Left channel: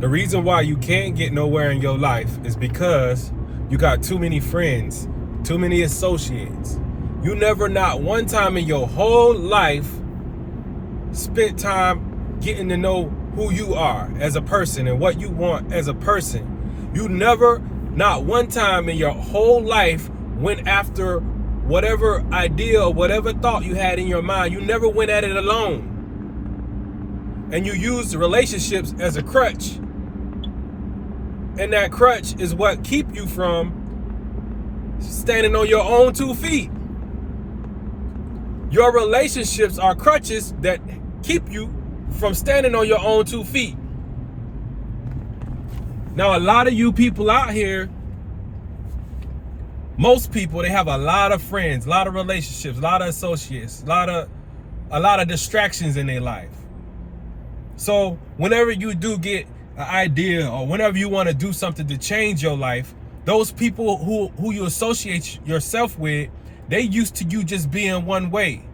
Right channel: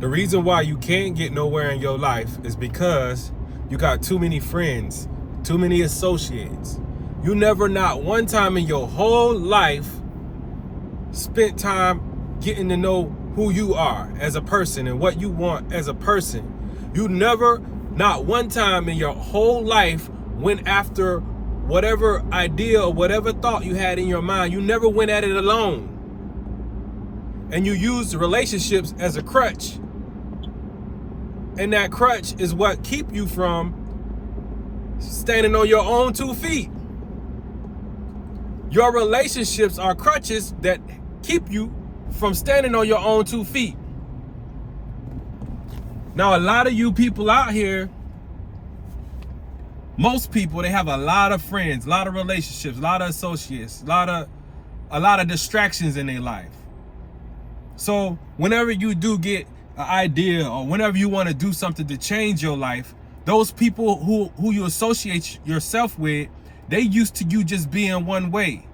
The reason why you can't get nowhere in your life is because you got too many friends, too many associates. You never, not one time in your whole life, spent time getting to know who you are as a person and what you want as a person. You never, not one time in your whole life, went after whatever idea or whatever thought you had in your mind. You never went at it alone. And you used relationships as a crutch. And that crutch is what keep you from standing on your own 2 feet. Your relationships are crutches that keep you from standing on your own 2 feet. Now, a lot of you people out here, most people, they have a lot of friends, a lot of relationships, a lot of associates, a lot of distractions in their life. So whenever you do get an idea or whenever you want to do something to change your life, those people who you associate yourself with, they used to you just being one way.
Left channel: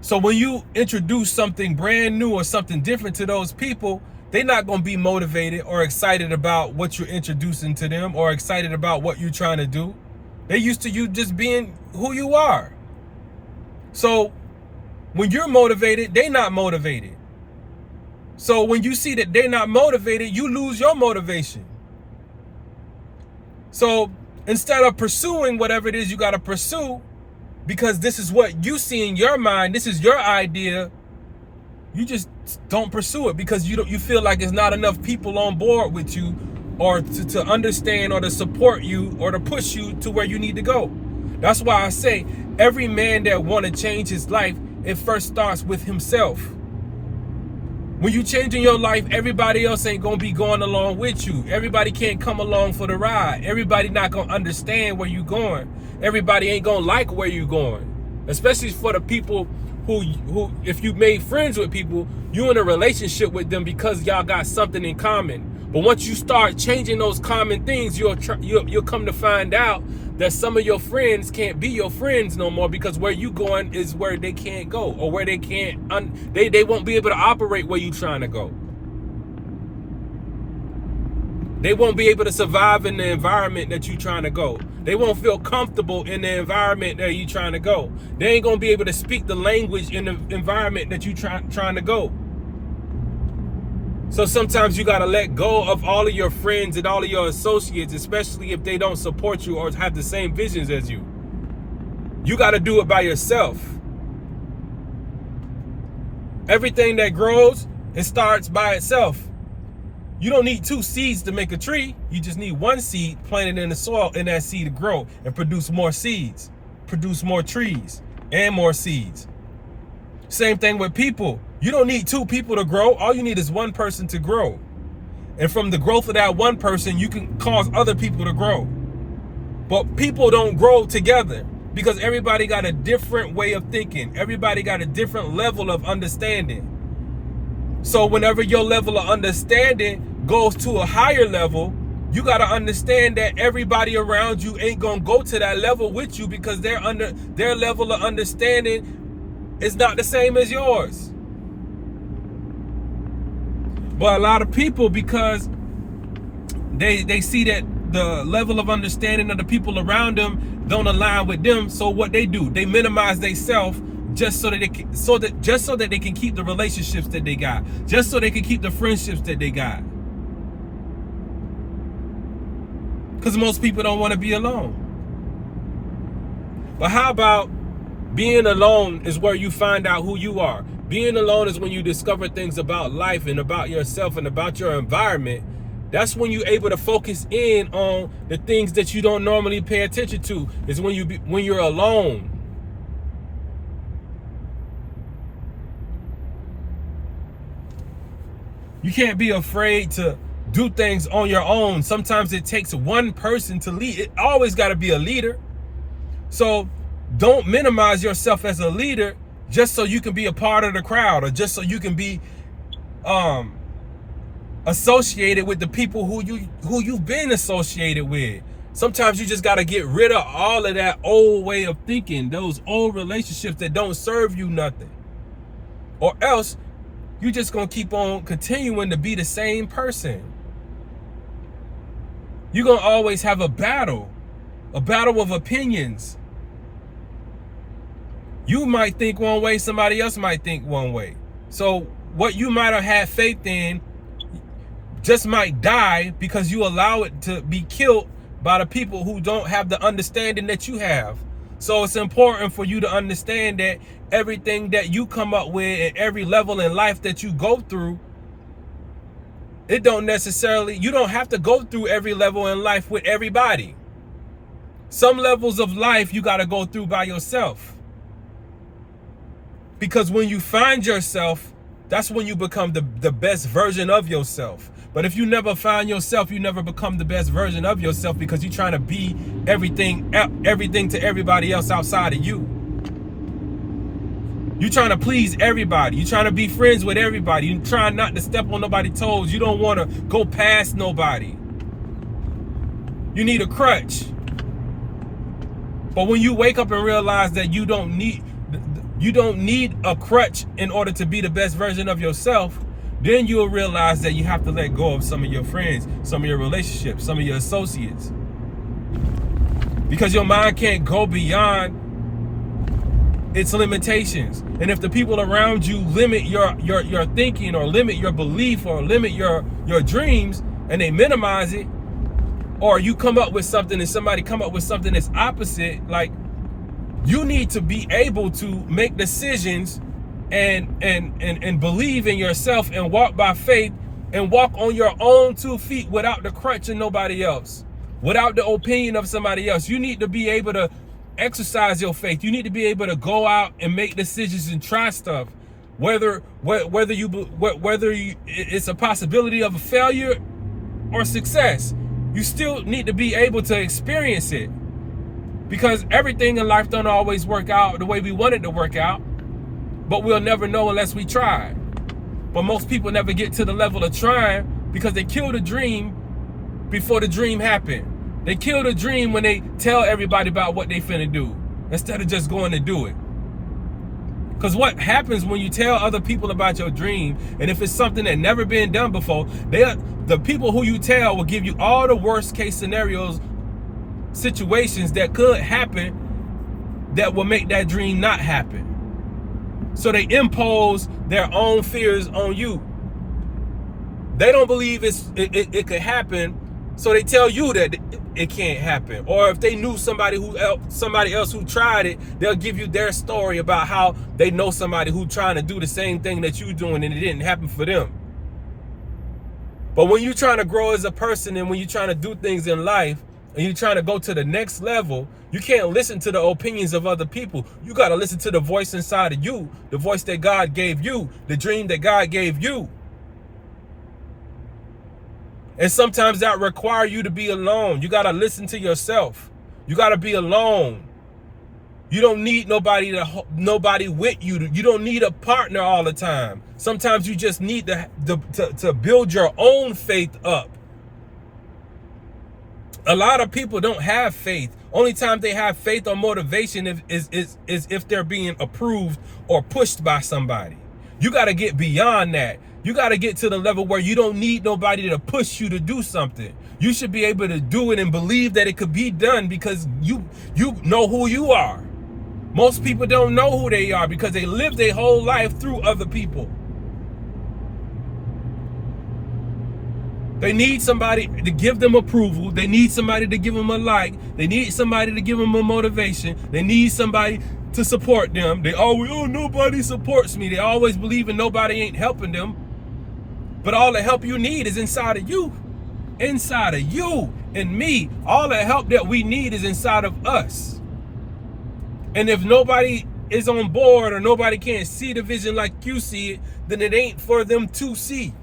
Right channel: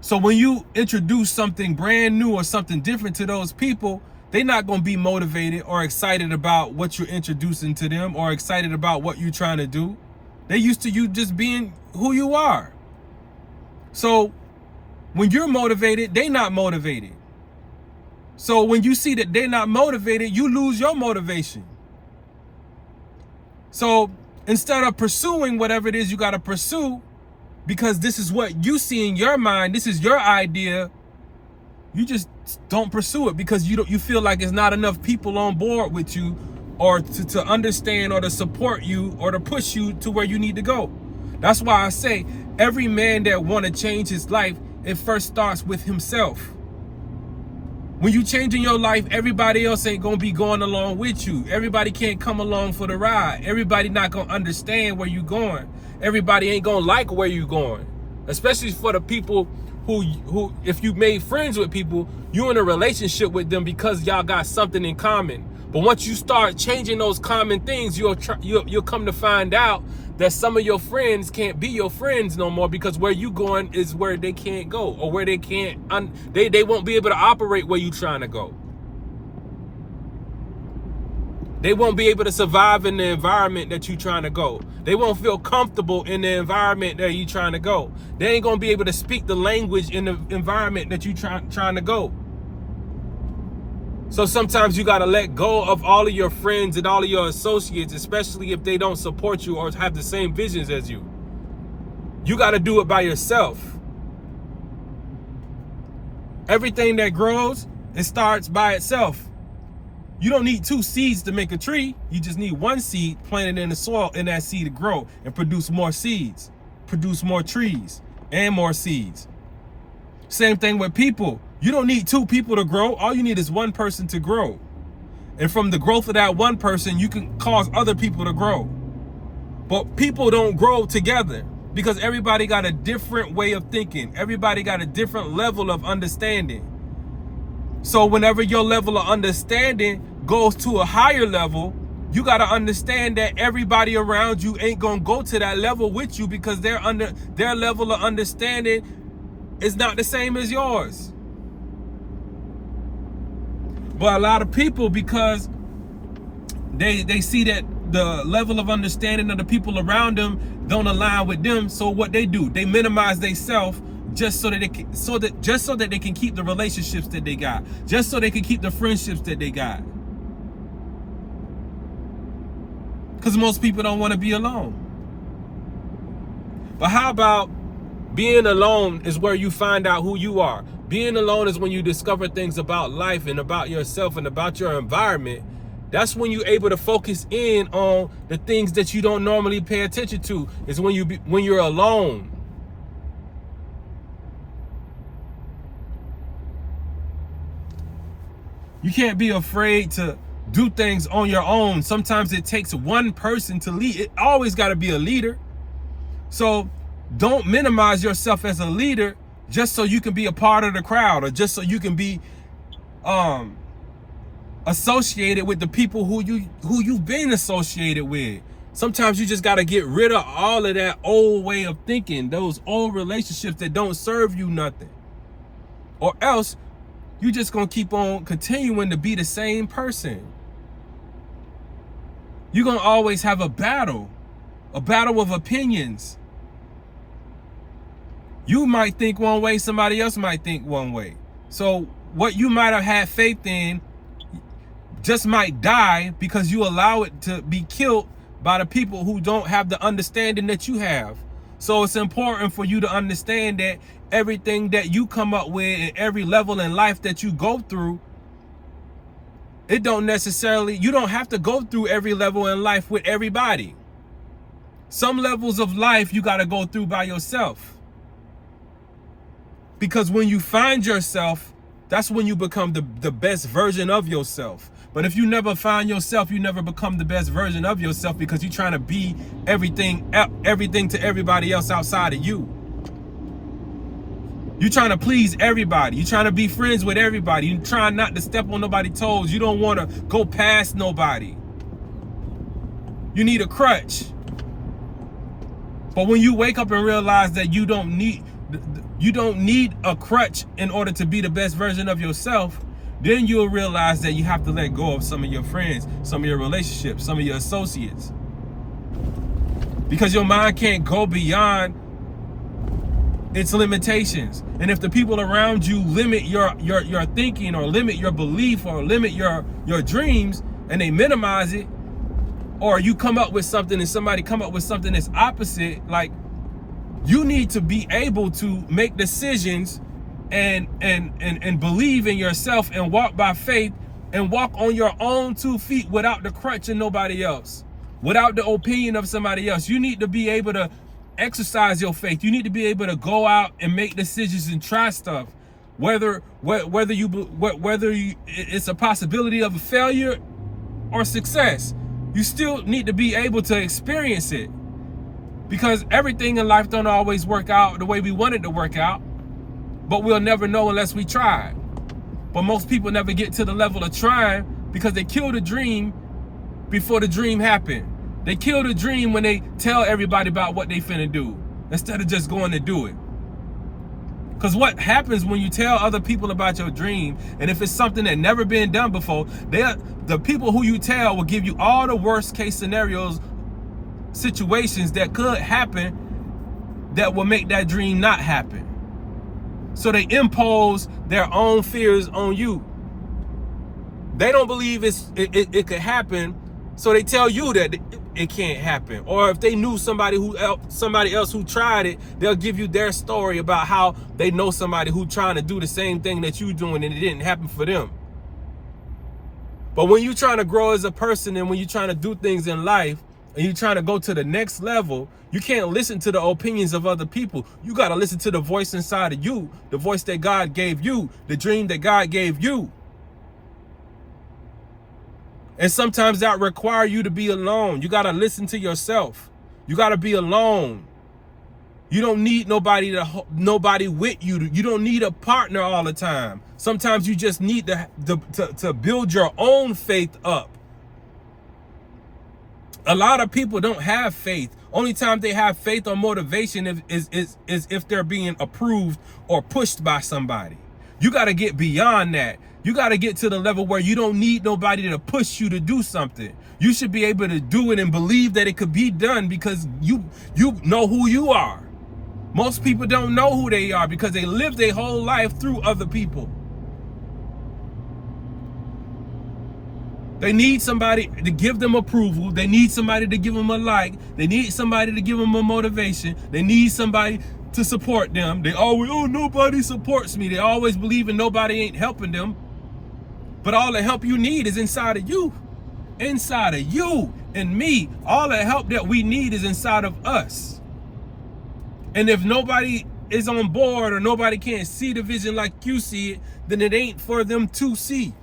So when you introduce something brand new or something different to those people, they're not going to be motivated or excited about what you're introducing to them or excited about what you're trying to do. They used to you just being who you are. So when you're motivated, they're not motivated. So when you see that they're not motivated, you lose your motivation. So instead of pursuing whatever it is you got to pursue, because this is what you see in your mind, this is your idea, you just don't pursue it because you feel like there's not enough people on board with you or to understand or to support you or to push you to where you need to go. That's why I say every man that want to change his life, it first starts with himself. When you changing your life, everybody else ain't gonna be going along with you. Everybody can't come along for the ride. Everybody not gonna understand where you going. Everybody ain't gonna like where you going. Especially for the people who if you made friends with people, you in a relationship with them because y'all got something in common. But once you start changing those common things, you'll come to find out that some of your friends can't be your friends no more because where you going is where they can't go, or where they can't, they won't be able to operate where you trying to go. They won't be able to survive in the environment that you trying to go. They won't feel comfortable in the environment that you trying to go. They ain't gonna be able to speak the language in the environment that you trying to go. So sometimes you got to let go of all of your friends and all of your associates, especially if they don't support you or have the same visions as you. You got to do it by yourself. Everything that grows, it starts by itself. You don't need 2 seeds to make a tree. You just need 1 seed planted in the soil and that seed to grow and produce more seeds, produce more trees and more seeds. Same thing with people. You don't need 2 people to grow. All you need is 1 person to grow. And from the growth of that 1 person, you can cause other people to grow. But people don't grow together because everybody got a different way of thinking. Everybody got a different level of understanding. So whenever your level of understanding goes to a higher level, you got to understand that everybody around you ain't going to go to that level with you because their level of understanding is not the same as yours. But a lot of people, because they see that the level of understanding of the people around them don't align with them, so what they do, they minimize themselves just so that they can keep the relationships that they got, just so they can keep the friendships that they got. Because most people don't want to be alone. But how about being alone is where you find out who you are. Being alone is when you discover things about life and about yourself and about your environment. That's when you're able to focus in on the things that you don't normally pay attention to. Is when you're alone. You can't be afraid to do things on your own. Sometimes it takes 1 person to lead. It always got to be a leader. So don't minimize yourself as a leader just so you can be a part of the crowd, or just so you can be associated with the people who you've been associated with. Sometimes you just got to get rid of all of that old way of thinking, those old relationships that don't serve you nothing. Or else you just going to keep on continuing to be the same person. You're going to always have a battle of opinions. You might think one way, somebody else might think one way. So what you might have had faith in just might die because you allow it to be killed by the people who don't have the understanding that you have. So it's important for you to understand that everything that you come up with and every level in life that you go through, you don't have to go through every level in life with everybody. Some levels of life you got to go through by yourself. Because when you find yourself, that's when you become the best version of yourself. But if you never find yourself, you never become the best version of yourself because you're trying to be everything to everybody else outside of you. You're trying to please everybody. You're trying to be friends with everybody. You're trying not to step on nobody's toes. You don't want to go past nobody. You need a crutch. But when you wake up and realize that you don't need a crutch in order to be the best version of yourself, then you'll realize that you have to let go of some of your friends, some of your relationships, some of your associates. Because your mind can't go beyond its limitations. And if the people around you limit your thinking, or limit your belief, or limit your dreams, and they minimize it, or you come up with something and somebody come up with something that's opposite, like, you need to be able to make decisions and believe in yourself and walk by faith and walk on your own 2 feet without the crutch of nobody else, without the opinion of somebody else. You need to be able to exercise your faith. You need to be able to go out and make decisions and try stuff, whether it's a possibility of a failure or success. You still need to be able to experience it, because everything in life don't always work out the way we want it to work out, but we'll never know unless we try. But most people never get to the level of trying because they kill the dream before the dream happened. They kill the dream when they tell everybody about what they finna do instead of just going to do it. Because what happens when you tell other people about your dream, and if it's something that never been done before, the people who you tell will give you all the worst case scenarios, situations that could happen that will make that dream not happen. So they impose their own fears on you. They don't believe it could happen, so they tell you that it can't happen. Or if they knew somebody else who tried it, they'll give you their story about how they know somebody who's trying to do the same thing that you're doing and it didn't happen for them. But when you're trying to grow as a person, and when you're trying to do things in life, and you're trying to go to the next level, you can't listen to the opinions of other people. You got to listen to the voice inside of you, the voice that God gave you, the dream that God gave you. And sometimes that requires you to be alone. You got to listen to yourself. You got to be alone. You don't need nobody with you. You don't need a partner all the time. Sometimes you just need to build your own faith up. A lot of people don't have faith. Only time they have faith or motivation is if they're being approved or pushed by somebody. You got to get beyond that. You got to get to the level where you don't need nobody to push you to do something. You should be able to do it and believe that it could be done because you know who you are. Most people don't know who they are because they live their whole life through other people. They need somebody to give them approval. They need somebody to give them a like. They need somebody to give them a motivation. They need somebody to support them. They always, oh, nobody supports me. They always believe in nobody ain't helping them. But all the help you need is inside of you. Inside of you and me. All the help that we need is inside of us. And if nobody is on board or nobody can't see the vision like you see it, then it ain't for them to see.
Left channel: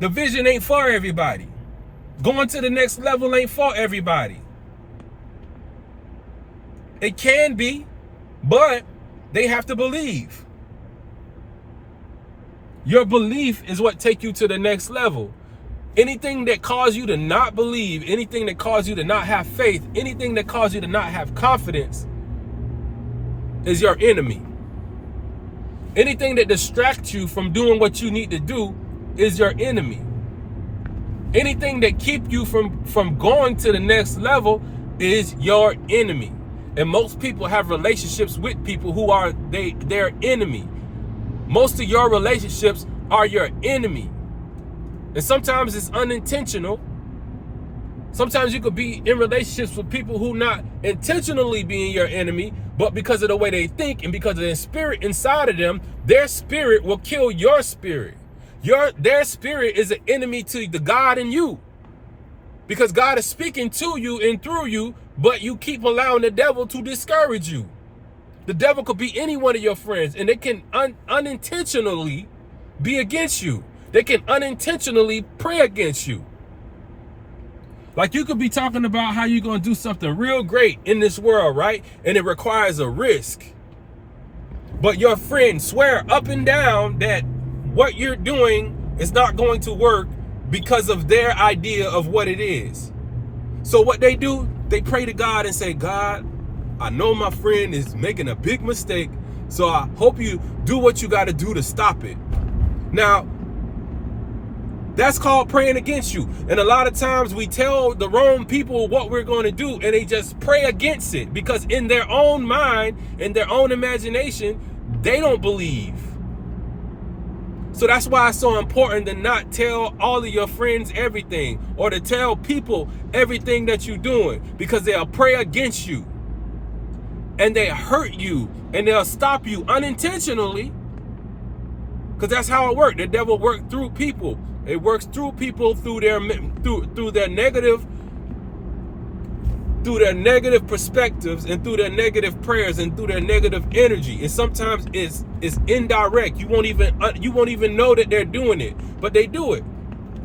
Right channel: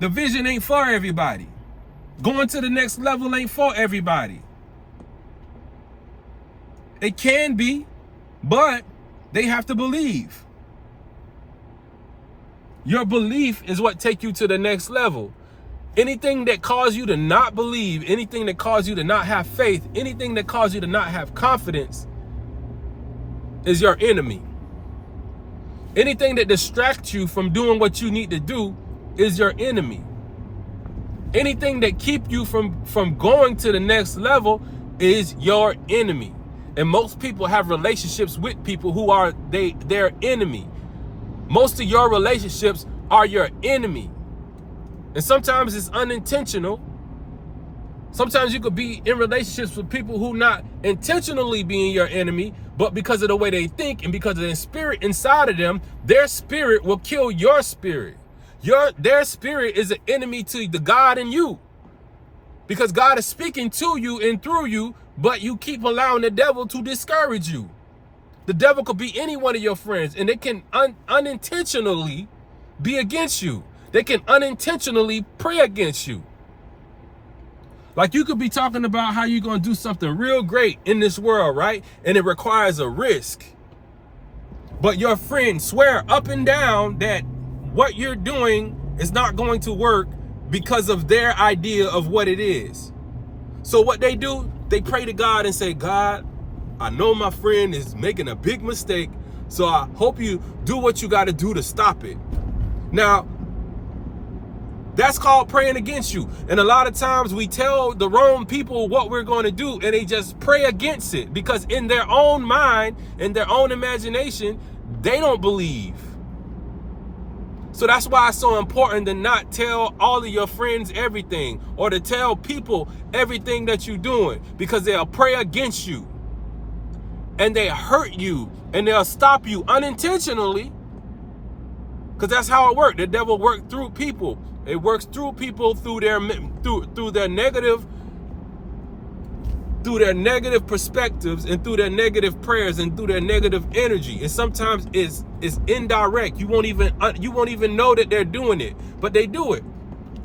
The vision ain't for everybody. Going to the next level ain't for everybody. It can be, but they have to believe. Your belief is what takes you to the next level. Anything that causes you to not believe, anything that causes you to not have faith, anything that causes you to not have confidence is your enemy. Anything that distracts you from doing what you need to do is your enemy. Anything that keep you from going to the next level is your enemy. And most people have relationships with people who are their enemy. Most of your relationships are your enemy. And sometimes it's unintentional. Sometimes you could be in relationships with people who not intentionally being your enemy, but because of the way they think and because of the spirit inside of them, their spirit will kill your spirit. Their spirit is an enemy to the God in you. Because God is speaking to you and through you, but you keep allowing the devil to discourage you. The devil could be any one of your friends, and they can unintentionally be against you. They can unintentionally pray against you. Like you could be talking about how you're going to do something real great in this world, right? And it requires a risk. But your friends swear up and down that what you're doing is not going to work because of their idea of what it is. So what they do, they pray to God and say, God, I know my friend is making a big mistake, so I hope you do what you got to do to stop it. Now, that's called praying against you. And a lot of times we tell the wrong people what we're going to do, and they just pray against it because in their own mind, in their own imagination, they don't believe. So that's why it's so important to not tell all of your friends everything or to tell people everything that you're doing, because they'll pray against you and they hurt you and they'll stop you unintentionally, because that's how it works. The devil works through people. It works through people through their negative perspectives and through their negative prayers and through their negative energy. And sometimes it's indirect. You won't even know that they're doing it, but they do it.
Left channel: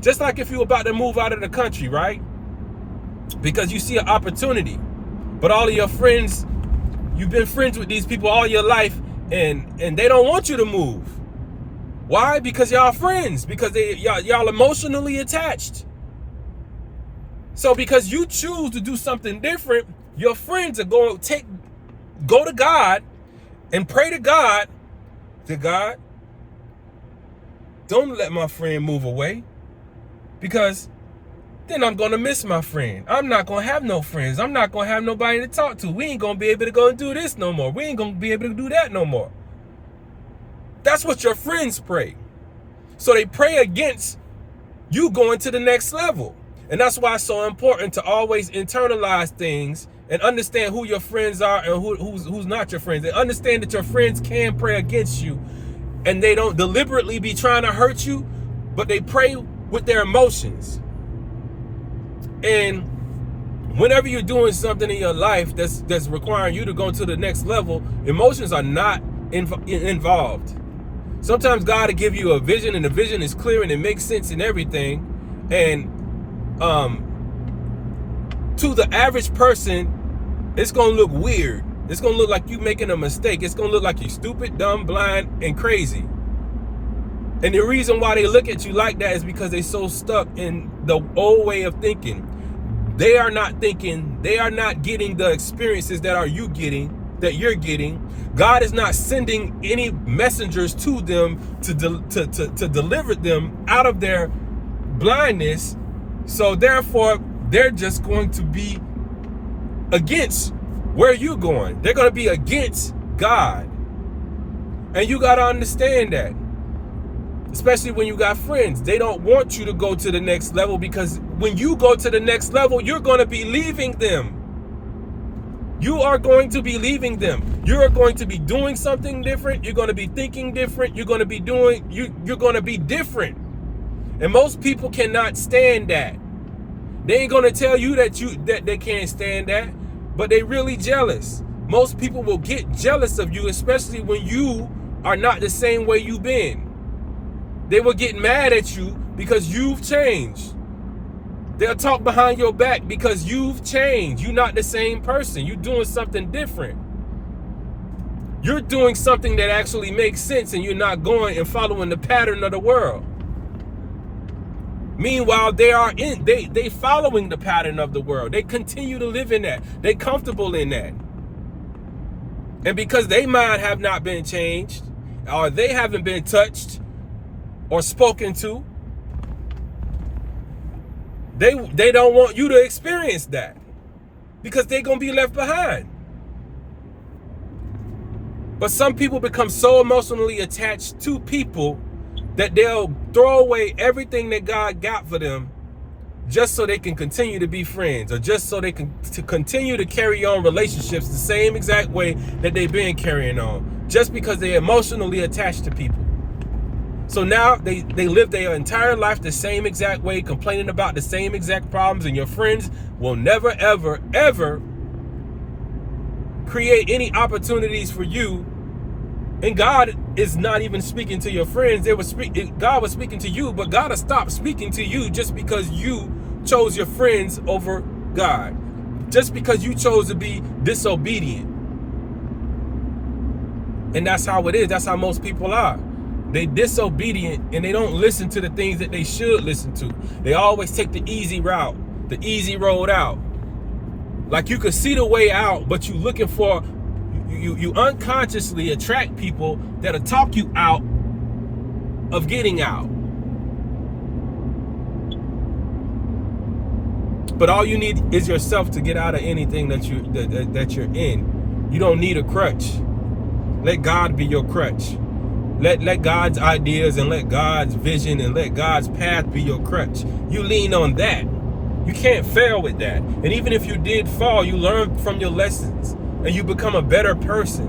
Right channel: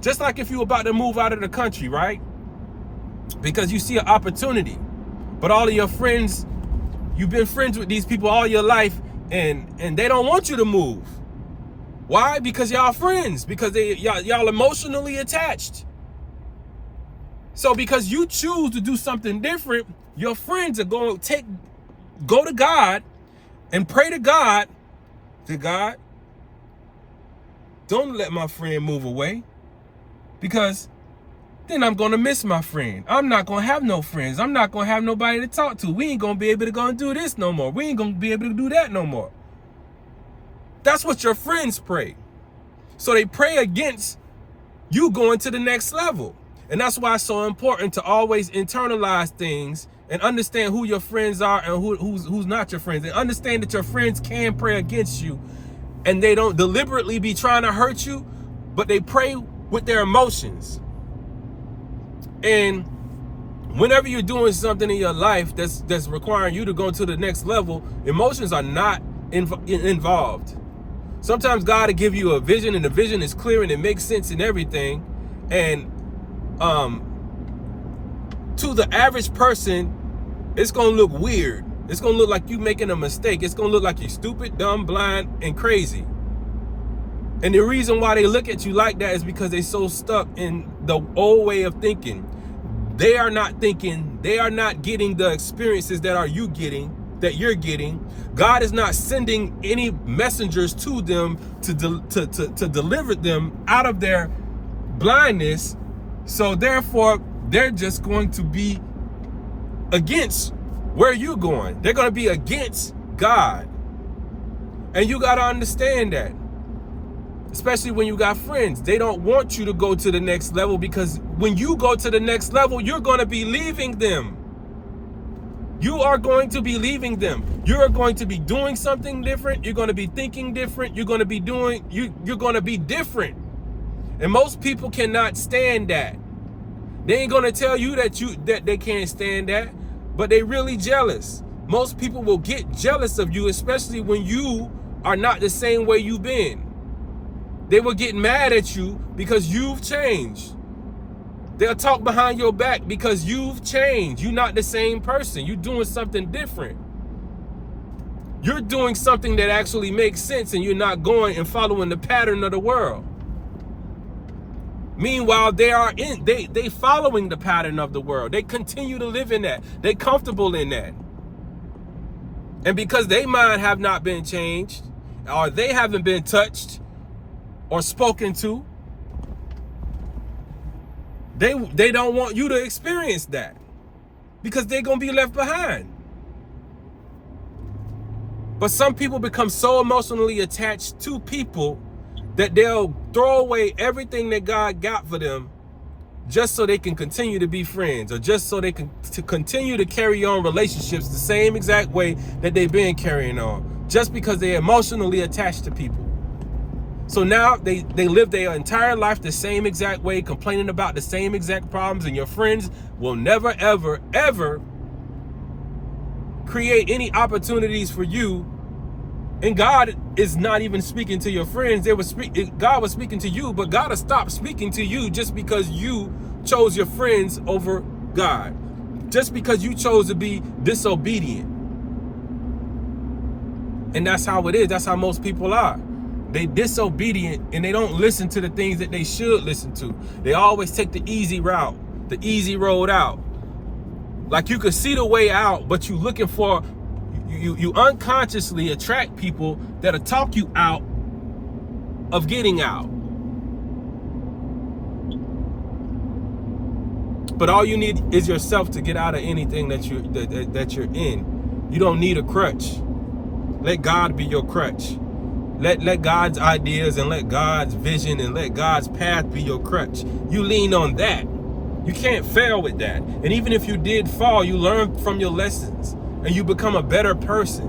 Just like if you're about to move out of the country, right? Because you see an opportunity, but all of your friends, you've been friends with these people all your life, and they don't want you to move. Why? Because y'all friends, because y'all emotionally attached. So because you choose to do something different, your friends are going to go to God and pray to God, don't let my friend move away, because then I'm going to miss my friend. I'm not going to have no friends. I'm not going to have nobody to talk to. We ain't going to be able to go and do this no more. We ain't going to be able to do that no more. That's what your friends pray. So they pray against you going to the next level. And that's why it's so important to always internalize things and understand who your friends are and who's not your friends. And understand that your friends can pray against you, and they don't deliberately be trying to hurt you, but they pray with their emotions. And whenever you're doing something in your life that's requiring you to go to the next level, emotions are not involved. Sometimes God will give you a vision, and the vision is clear and it makes sense and everything. And to the average person, it's gonna look weird. It's gonna look like you making a mistake. It's gonna look like you're stupid, dumb, blind, and crazy. And the reason why they look at you like that is because they're so stuck in the old way of thinking. They are not thinking, they are not getting the experiences that you're getting. God is not sending any messengers to them to deliver them out of their blindness. So therefore, they're just going to be against where you're going. They're going to be against God. And you got to understand that. Especially when you got friends. They don't want you to go to the next level, because when you go to the next level, you're going to be leaving them. You are going to be leaving them. You're going to be doing something different. You're going to be thinking different. You're going to be different. And most people cannot stand that. They ain't going to tell you that they can't stand that, but they really jealous. Most people will get jealous of you, especially when you are not the same way you've been. They will get mad at you because you've changed. They'll talk behind your back because you've changed. You're not the same person. You're doing something different. You're doing something that actually makes sense, and you're not going and following the pattern of the world. Meanwhile, they following the pattern of the world. They continue to live in that. They comfortable in that. And because their mind have not been changed, or they haven't been touched or spoken to, They don't want you to experience that because they're going to be left behind. But some people become so emotionally attached to people that they'll throw away everything that God got for them just so they can continue to be friends, or just so they can continue to carry on relationships the same exact way that they've been carrying on, just because they're emotionally attached to people. So now they live their entire life the same exact way, complaining about the same exact problems, and your friends will never, ever, ever create any opportunities for you. And God is not even speaking to your friends. God was speaking to you, but God has stopped speaking to you just because you chose your friends over God. Just because you chose to be disobedient. And that's how it is. That's how most people are. They disobedient and they don't listen to the things that they should listen to. They always take the easy route, the easy road out. Like you could see the way out, but you looking for, you unconsciously attract people that'll talk you out of getting out. But all you need is yourself to get out of anything that you're in. You don't need a crutch. Let God be your crutch. Let God's ideas and let God's vision and let God's path be your crutch. You lean on that. You can't fail with that. And even if you did fall, you learn from your lessons and you become a better person.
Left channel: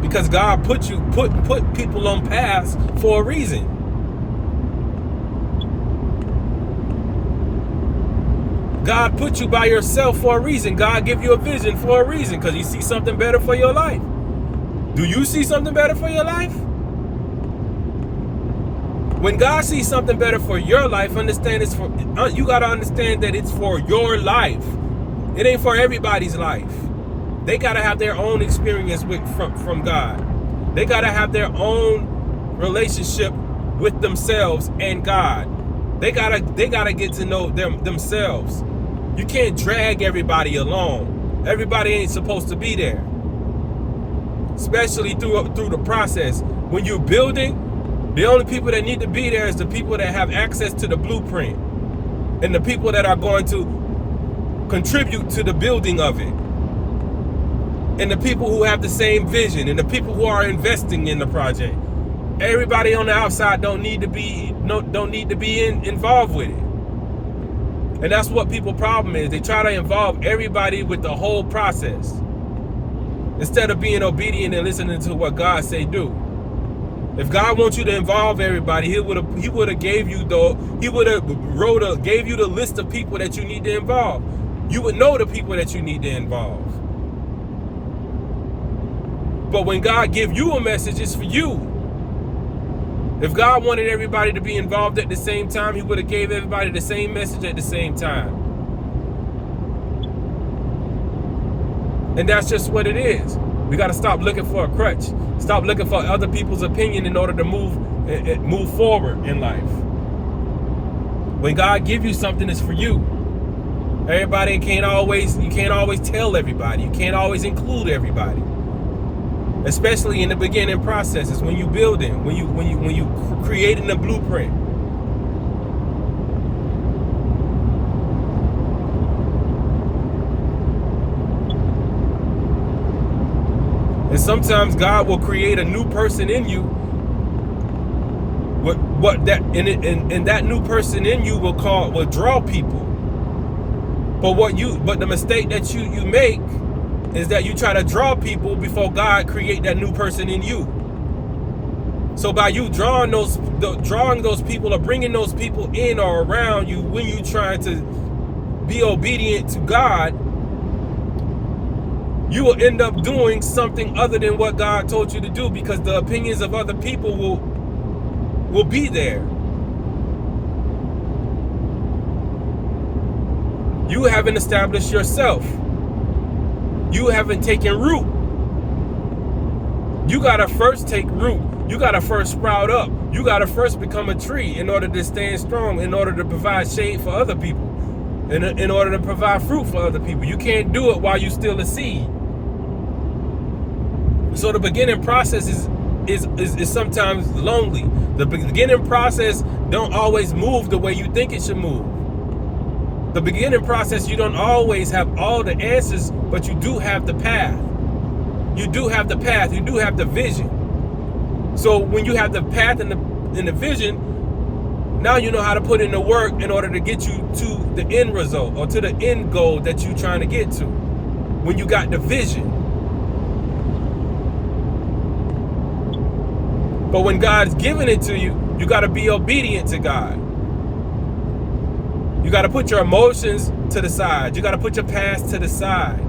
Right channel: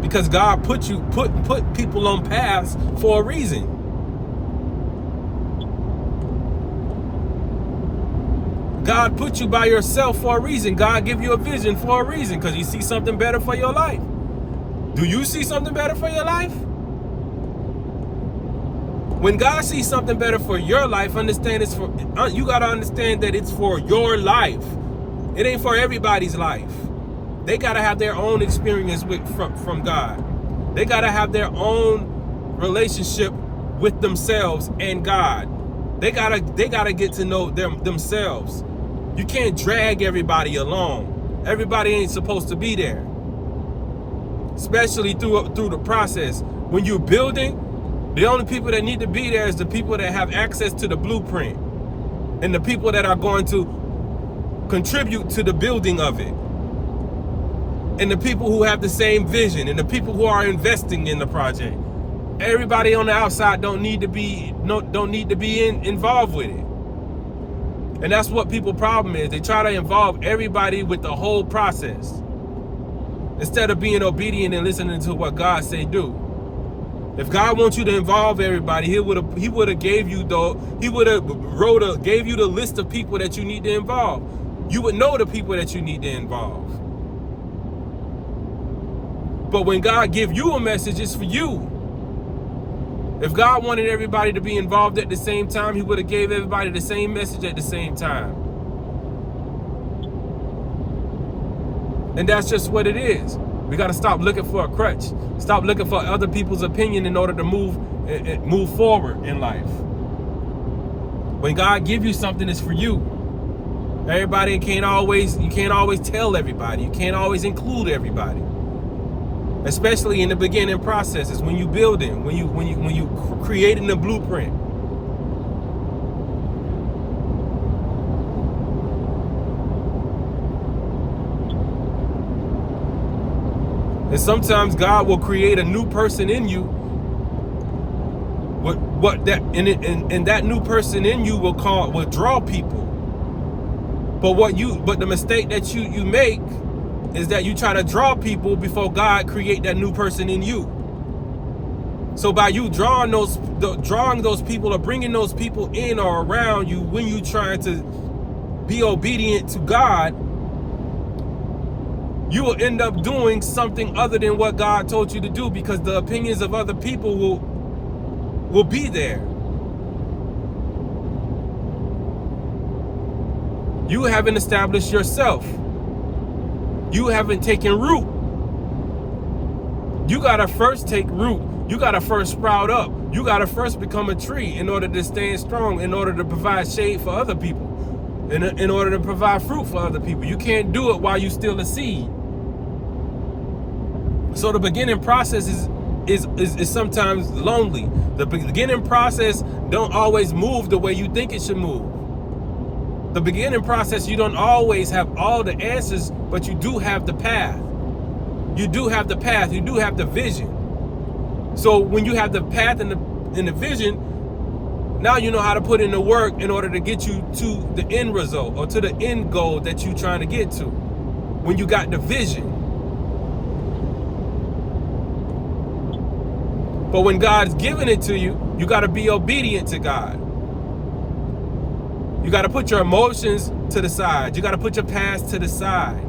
Because God put people on paths for a reason. God put you by yourself for a reason. God give you a vision for a reason, because you see something better for your life. Do you see something better for your life? When God sees something better for your life, understand it's for you. Got to understand that it's for your life. It ain't for everybody's life. They got to have their own experience from God. They got to have their own relationship with themselves and God. They gotta get to know themselves. You can't drag everybody along. Everybody ain't supposed to be there. Especially through the process. When you're building, the only people that need to be there is the people that have access to the blueprint, and the people that are going to contribute to the building of it, and the people who have the same vision, and the people who are investing in the project. Everybody on the outside don't need to be involved with it. And that's what people's problem is. They try to involve everybody with the whole process instead of being obedient and listening to what God say do. If God wants you to involve everybody, He would have gave you gave you the list of people that you need to involve. You would know the people that you need to involve. But when God give you a message, it's for you. If God wanted everybody to be involved at the same time, He would have gave everybody the same message at the same time. And that's just what it is. We got to stop looking for a crutch. Stop looking for other people's opinion in order to move forward in life. When God gives you something, it's for you. You can't always tell everybody. You can't always include everybody. Especially in the beginning processes, when you building, when you creating the blueprint. And sometimes God will create a new person in you. And that new person in you will draw people. But the mistake that you make is that you try to draw people before God create that new person in you. So by you drawing those people or bringing those people in or around you when you try to be obedient to God, you will end up doing something other than what God told you to do, because the opinions of other people will be there. You haven't established yourself. You haven't taken root. You gotta first take root. You gotta first sprout up. You gotta first become a tree in order to stand strong, in order to provide shade for other people, in order to provide fruit for other people. You can't do it while you're still a seed. So the beginning process is sometimes lonely. The beginning process don't always move the way you think it should move. The beginning process, you don't always have all the answers, but you do have the path. You do have the path. You do have the vision. So when you have the path and the vision, now you know how to put in the work in order to get you to the end result or to the end goal that you're trying to get to. When you got the vision. But when God's giving it to you, you got to be obedient to God. You got to put your emotions to the side. You got to put your past to the side.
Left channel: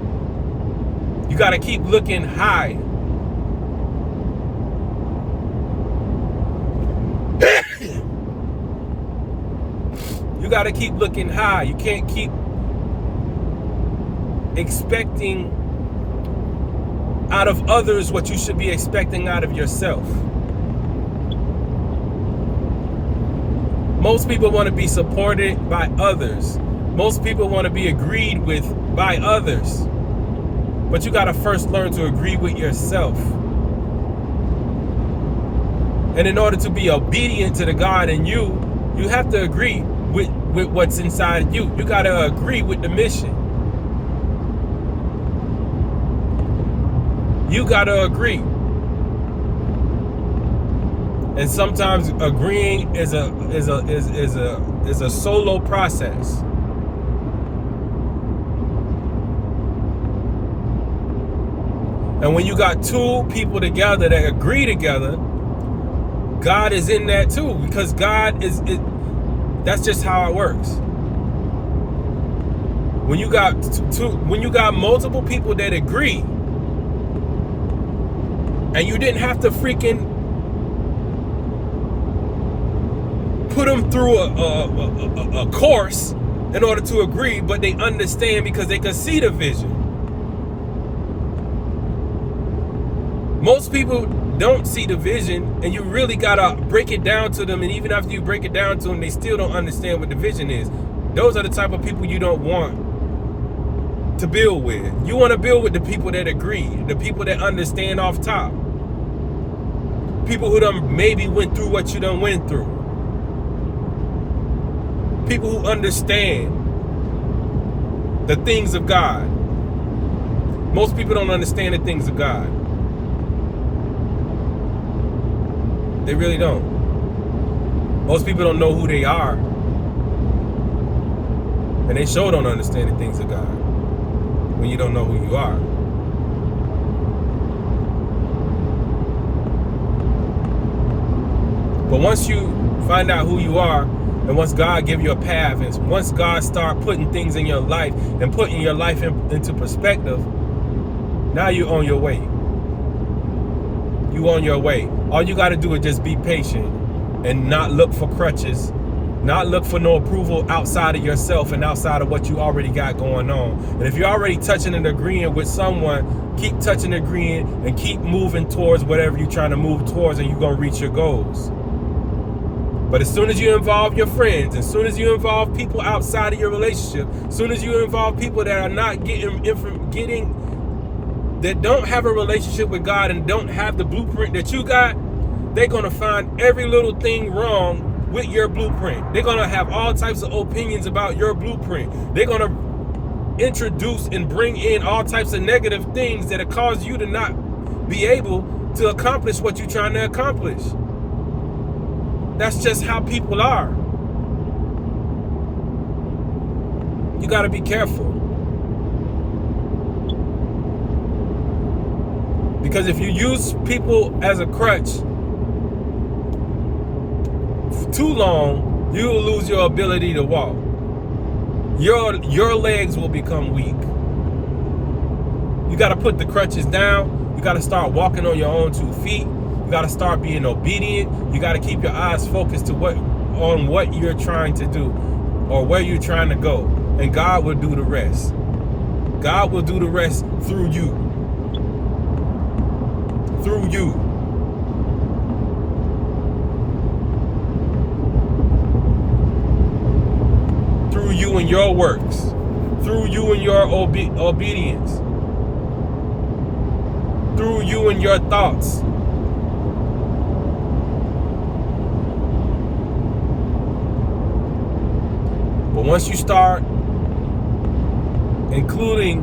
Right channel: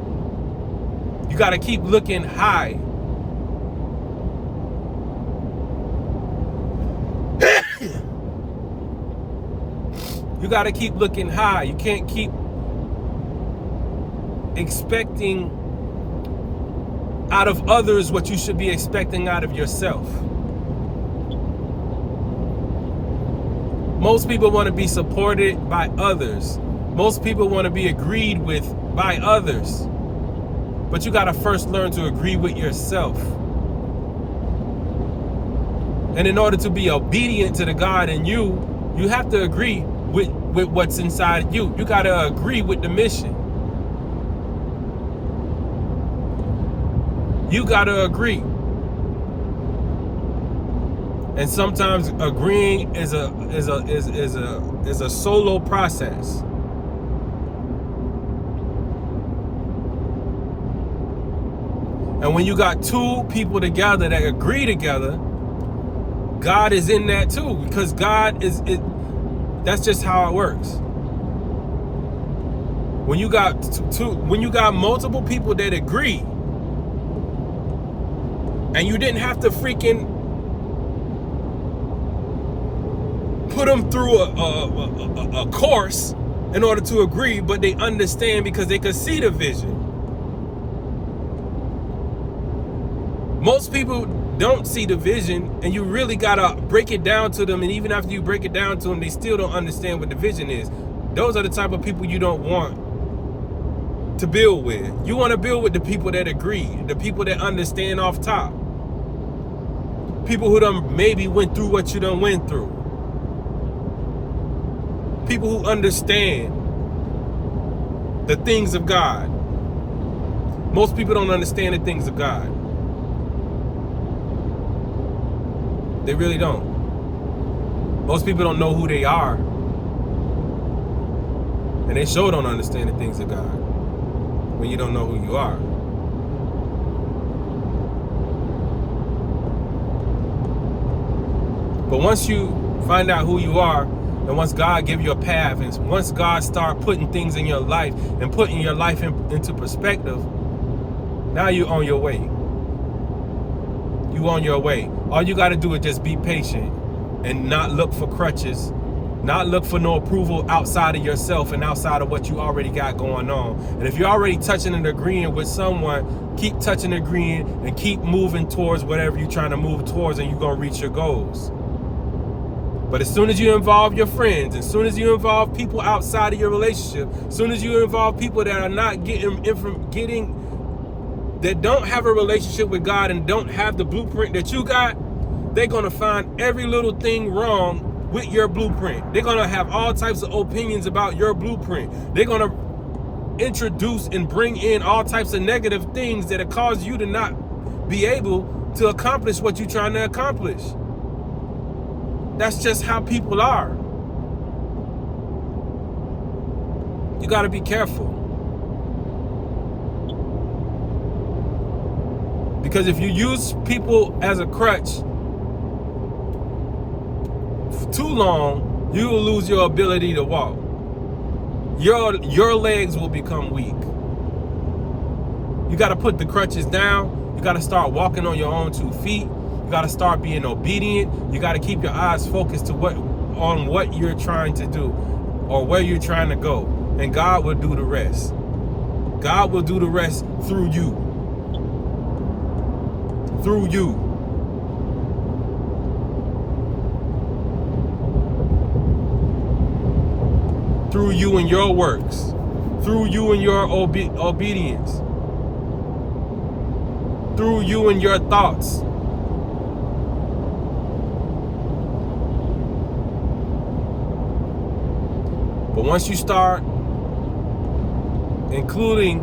You got to keep looking high. You got to keep looking high. You can't keep expecting out of others what you should be expecting out of yourself. Most people want to be supported by others. Most people want to be agreed with by others. But you got to first learn to agree with yourself. And in order to be obedient to the God in you, you have to agree with what's inside you. You got to agree with the mission. You got to agree. And sometimes agreeing is a solo process. And when you got two people together that agree together, God is in that too, because God is that's just how it works. When you got multiple people that agree, and you didn't have to freaking put them through a course in order to agree, but they understand because they can see the vision. Most people don't see the vision, and you really gotta break it down to them, and even after you break it down to them, they still don't understand what the vision is. Those are the type of people you don't want to build with. You want to build with the people that agree, the people that understand off top, people who done maybe went through what you done went through. People who understand the things of God. Most people don't understand the things of God. They really don't. Most people don't know who they are. And they sure don't understand the things of God when you don't know who you are. But once you find out who you are, and once God give you a path, and once God start putting things in your life and putting your life into perspective, now you're on your way. You on your way. All you got to do is just be patient and not look for crutches, not look for no approval outside of yourself and outside of what you already got going on. And if you're already touching and agreeing with someone, keep touching and agreeing and keep moving towards whatever you're trying to move towards, and you're going to reach your goals. But as soon as you involve your friends, as soon as you involve people outside of your relationship, as soon as you involve people that are not that don't have a relationship with God and don't have the blueprint that you got, they're going to find every little thing wrong with your blueprint. They're going to have all types of opinions about your blueprint. They're going to introduce and bring in all types of negative things that have caused you to not be able to accomplish what you're trying to accomplish. That's just how people are. You got to be careful. Because if you use people as a crutch for too long, you will lose your ability to walk. Your legs will become weak. You got to put the crutches down. You got to start walking on your own 2 feet. You got to start being obedient. You got to keep your eyes focused on what you're trying to do or where you're trying to go. And God will do the rest. God will do the rest through you. Through you. Through you and your works. Through you and your obedience. Through you and your thoughts. But once you start including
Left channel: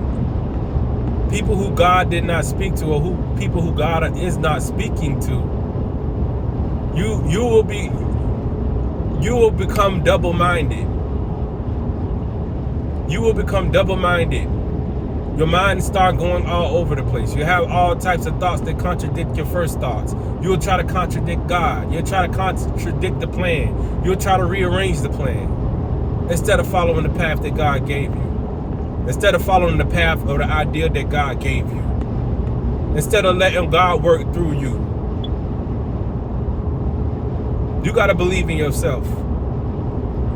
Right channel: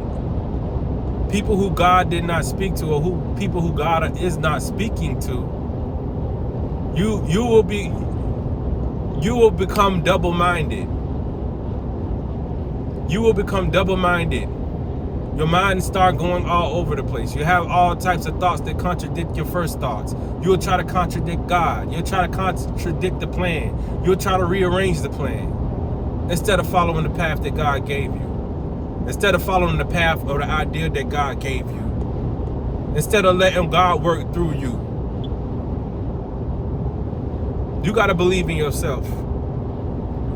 people who God did not speak to, or people who God is not speaking to, you will become double-minded. You will become double-minded. Your mind start going all over the place. You have all types of thoughts that contradict your first thoughts. You'll try to contradict God. You'll try to contradict the plan. You'll try to rearrange the plan instead of following the path that God gave you. Instead of following the path or the idea that God gave you. Instead of letting God work through you. You got to believe in yourself.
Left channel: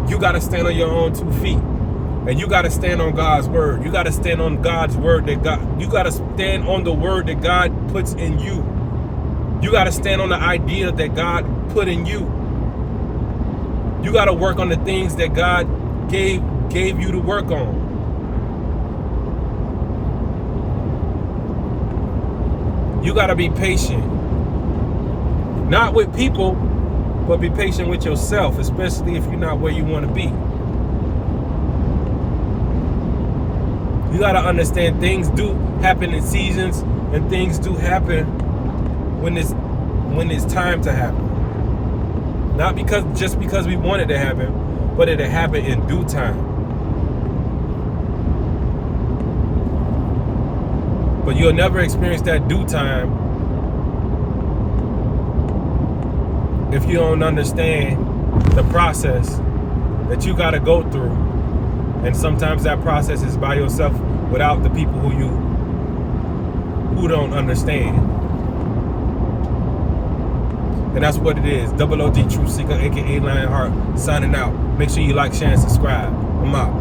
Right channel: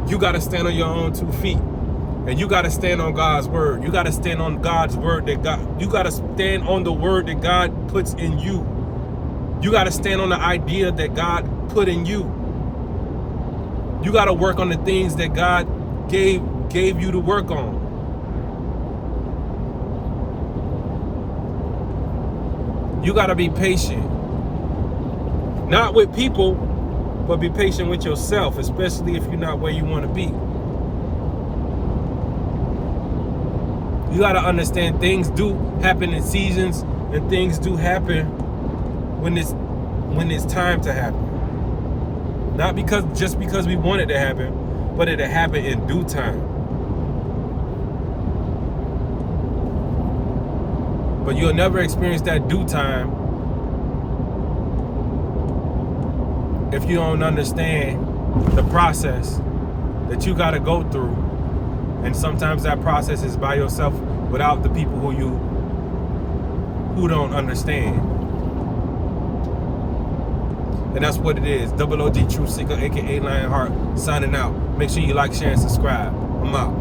You got to stand on your own 2 feet. And you got to stand on God's word. You got to stand on God's word you got to stand on the word that God puts in you. You got to stand on the idea that God put in you. You got to work on the things that God gave you to work on. You got to be patient. Not with people, but be patient with yourself, especially if you're not where you want to be. You got to understand things do happen in seasons, and things do happen when it's time to happen. Not just because we want it to happen, but it'll happen in due time. But you'll never experience that due time if you don't understand the process that you got to go through. And sometimes that process is by yourself without the people who don't understand. And that's what it is. DoubleOGee Truthseeker, aka Lionheart, signing out. Make sure you like, share, and subscribe. I'm out.